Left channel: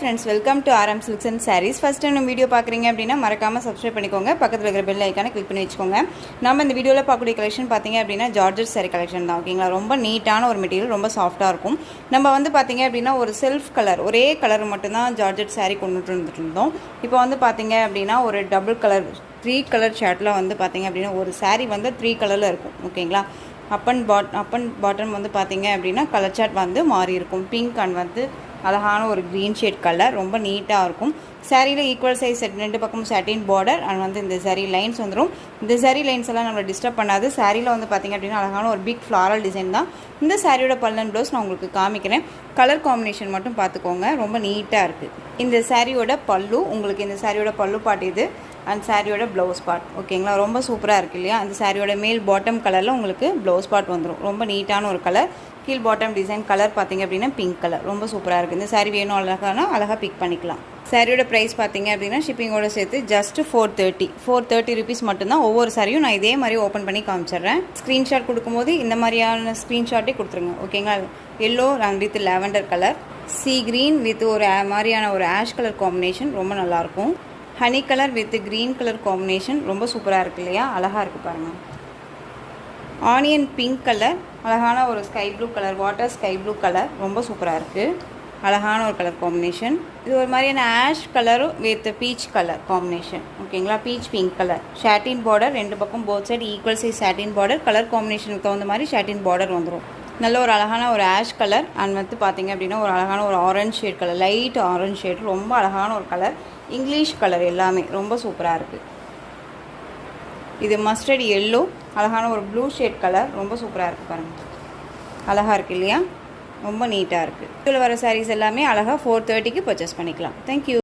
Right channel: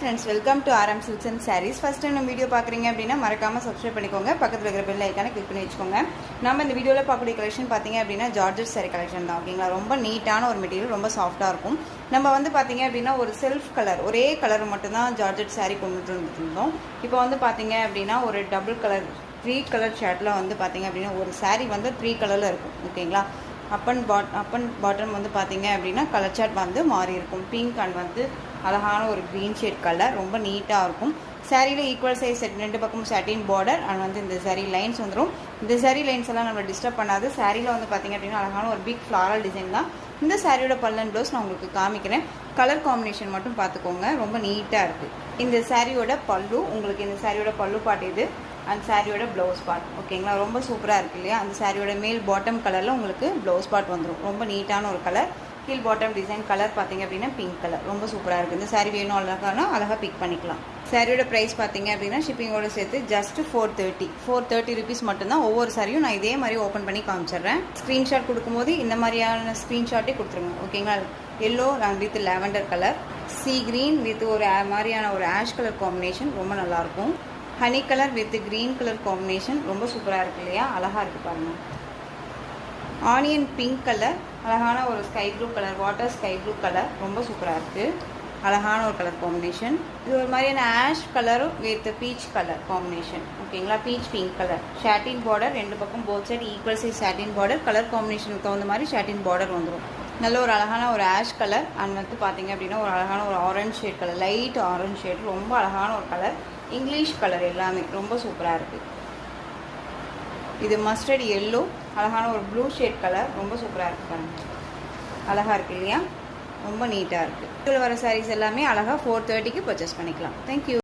Friends, welcome to RM Silks and Sarees. First time நம்ம video பார்க்குறீங்க அப்படின்னா மறக்காம சப்ஸ்கிரைப் பண்ணிக்கோங்க. பக்கத்தில் இருக்கிற பெல் ஐக்கானை கிளிக் பண்ணி வச்சுக்கோங்க. நம்ம இந்த வீடியோவில் பார்க்கக்கூடிய கலெக்ஷன் பார்த்தீங்க அப்படின்னா ஜார்ஜெட் saree கலெக்ஷன் தான். ஓகேங்களா, ரொம்ப நீட்டான ஒரு மெட்டீரியல், ரொம்ப சாஃப்டாக இருக்கும். நம்ம வந்து பார்த்தீங்க அப்படின்னா ஒரு செல்ஃப் கலர், ஒரே கலர் மட்டும்தான் ஜார்ஜெட் saree கொண்டுட்டு இருந்தோம். இப்போ வந்து பார்த்தீங்க அப்படின்னா ஒரு டபுள் கலர் 3 கலர் ஷர்ட்டில் வந்து பார்த்தீங்க அப்படின்னா ஒரு saree வந்து 3 கலரில் இருக்கும். ஓகேங்களா, அப் அண்ட் பாட்டம் வந்து பார்த்தீங்க அப்படின்னா கலர் சார்ட் வந்து மாறி இருக்கும். பிங்க் அண்ட் வந்து அழகான ஒரு க்ரீன் ஷேட் கலர், ரொம்ப நீட்டாக இருக்கும். சாரியில் ஈக்குவல் சைஸ் செட், ரெண்டு பக்கமும் சாட்டின் பார்டர் அண்ட் வந்து இந்த சாரீ லைன்ஸ் வந்துடும். இந்த சாரீ லைன்ஸ் எல்லாம் நம்மளை டிஸ்டர்ப் பண்ணாது. சாரியில் வந்து பார்த்திங்க அப்படின்னா அழகான ஒரு பிக் ஃப்ளாரல் டிசைன் தான். இந்த சாரியோட பல்லன் ப்ளவுஸ் நான் உங்களுக்கு காமிக்கிறேன். கலர் காம்பினேஷன் மட்டும் பார்த்துக்கோங்க, ரொம்ப நீட்டாக இருக்குது. இந்த சாரியோட பல்லு, உங்களுக்கு இந்த சாரியோட பல்லு பாட்டு இது அண்ட் சாரியோட ப்ளவுஸ் பார்ட். ஓகேங்களா, ரொம்ப சூப்பராக இருக்குது இல்லையா. அந்த சாரியோட மேல் பாட்டம் கலரில் உங்களுக்கு ப்ளவுஸ் பார்ட் வந்துடும். ரொம்ப நீட்டான ஒரு கலர். கீழ் பாட்டம் டிசைன் கலர் பார்த்தீங்க அப்படின்னா பிங்க் கலர், ரொம்ப சூப்பராக இருக்குது. இந்த சாரீ வேணும் அழகாக பிக் பண்ணிக்கலாம். சாரியோட ப்ரைஸ் பார்த்தீங்க அப்படின்னா ஷிப்பிங்கோட சேர்த்து ஜஸ்ட் 430 ருபீஸ் மட்டும்தான். ஒவ்வொரு சாரியும் நான் இதே மாதிரி ஓப்பன் பண்ணி காமிச்சிடுறேன். ஸ்க்ரீன்ஷாட் கொடுக்கும்போது இந்த மாதிரியான ஸ்க்ரீன்ஷாட்டே கொடுத்துருங்க. ஓகேங்களா, எல்லோ ரங் with lavender colour, sea green with ஒரு மாதிரியான ஒரு ஆஷ் கலர் காம்பினேஷன், ரொம்ப நல்லாயிருக்கும். Honey colour with green colour combination, ரொம்ப சூப்பராக இருக்குது இல்லையா, அழகாக இருக்குது பாருங்கள். ஆனியன் பிங்க் கலர், அழகான ஒரு sky blue colour, water sky blue colour, ரொம்ப சூப்பராக இருக்குது. அழகான ஒரு கலர் காம்பினேஷன். இது ஒரு மாதிரியான ash colour with peach colour combination. ஓகேங்களா, peach pink colour. Satin border, ரெண்டு பக்கம் both side equal size satin border. Colour காம்பினேஷனுக்கு தகுந்த மாதிரி ஷாட்டின் பார்டர் வந்துடும். நல்ல ஒரு அழகான ஒரு ஆஷ் கலர் அண்ட் வந்து பார்த்தீங்க அப்படின்னா ஒரு அழகான ஒரு orange shade colour, light orange shade, ரொம்ப அழகான ஒரு கலர். இங்கிலீஷ் கலர் எல்லாமே ரொம்ப சூப்பராக இருக்குது. இது மஸ்டர்ட் எல்லோ, அழகான ஒரு ப்ளூ ஷேட் கலர், ரொம்ப சூப்பராக இருக்குது பாருங்கள். அழகாக இருக்குது இல்லையா, ரொம்ப நீட்டாக இருக்குது. இதில் வர சாரீஸ் எல்லாமே அழகாக 430க்கு பர்ச்சேஸ் பண்ணிக்கலாம். தேங்க்யூ.